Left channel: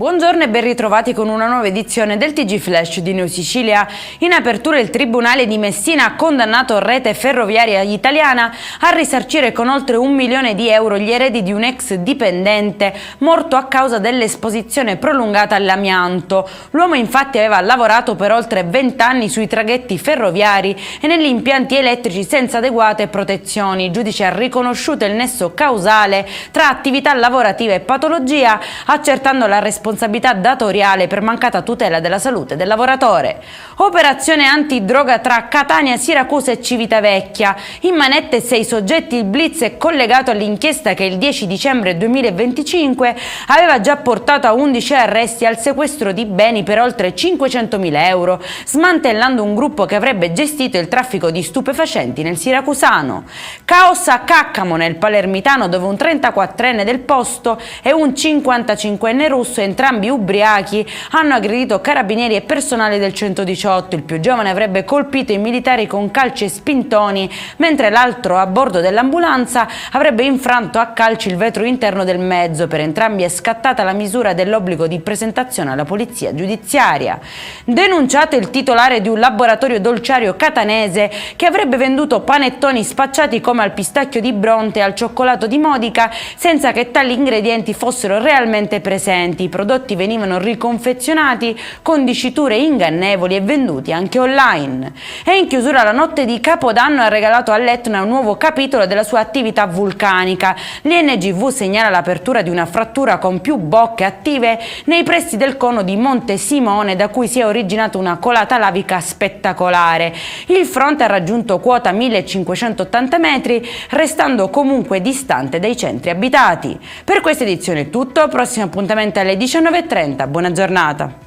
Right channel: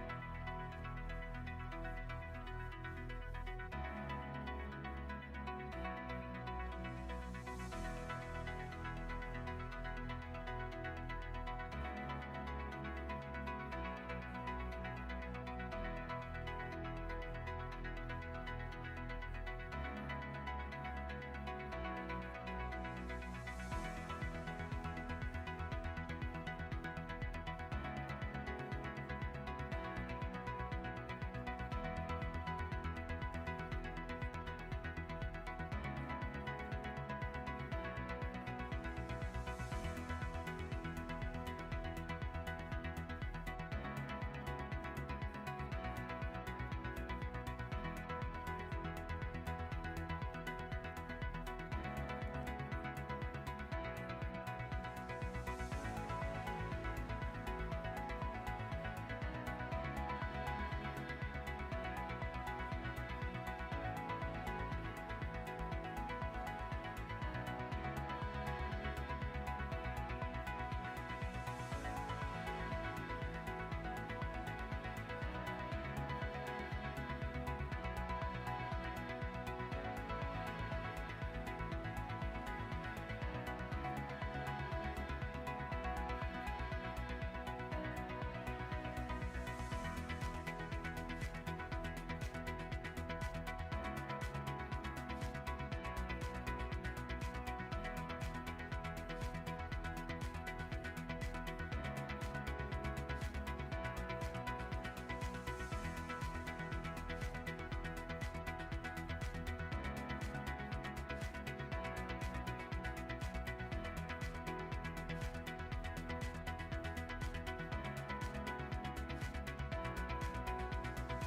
Buongiorno e ben ritrovati con una nuova edizione del TG Flash di New Sicilia. In apertura il Tribunale di Messina ha condannato Rete Ferroviaria Italiana a risarcire con oltre 1 milione di euro gli eredi di un ex dipendente morto a causa dell'esposizione prolungata all'amianto. L'uomo infatti aveva lavorato per oltre 20 anni sui traghetti ferroviari e negli impianti elettrici senza adeguate protezioni. Il giudice ha riconosciuto il nesso causale tra attività lavorativa e patologia, accertando la responsabilità datoriale per mancata tutela della salute del lavoratore. Operazione antidroga tra Catania, Siracusa e Civitavecchia. In manette 6 soggetti, il blitz è collegato all'inchiesta che il 10 dicembre 2025 aveva già portato a 11 arresti e al sequestro di beni per oltre 500.000 euro, smantellando un gruppo che avrebbe gestito il traffico di stupefacenti nel siracusano. Caos a Caccamo, nel palermitano, dove un 34enne del posto e un 55enne russo, entrambi ubriachi, hanno aggredito carabinieri e personale del 118. Il più giovane avrebbe colpito i militari con calci e spintoni, mentre l'altro, a bordo dell'ambulanza, avrebbe infranto a calci il vetro interno del mezzo. Per entrambi è scattata la misura dell'obbligo di presentazione alla polizia giudiziaria. Denunciato il titolare di un laboratorio dolciario catanese che avrebbe venduto panettoni spacciati come al pistacchio di Bronte e al cioccolato di Modica senza che tali ingredienti fossero realmente presenti. I prodotti venivano riconfezionati con diciture ingannevoli e venduti anche online. E in chiusura, la notte di Capodanno ha regalato all'Etna un nuovo capitolo della sua attività vulcanica. L'INGV segnala l'apertura di una frattura con più bocche attive nei pressi del cono di Monte Simone, da cui si è originata una colata lavica spettacolare. Il fronte ha raggiunto quota 1580 metri, restando comunque distante dai centri abitati. Per questa edizione è tutto, prossimo appuntamento alle 19:30. Buona giornata.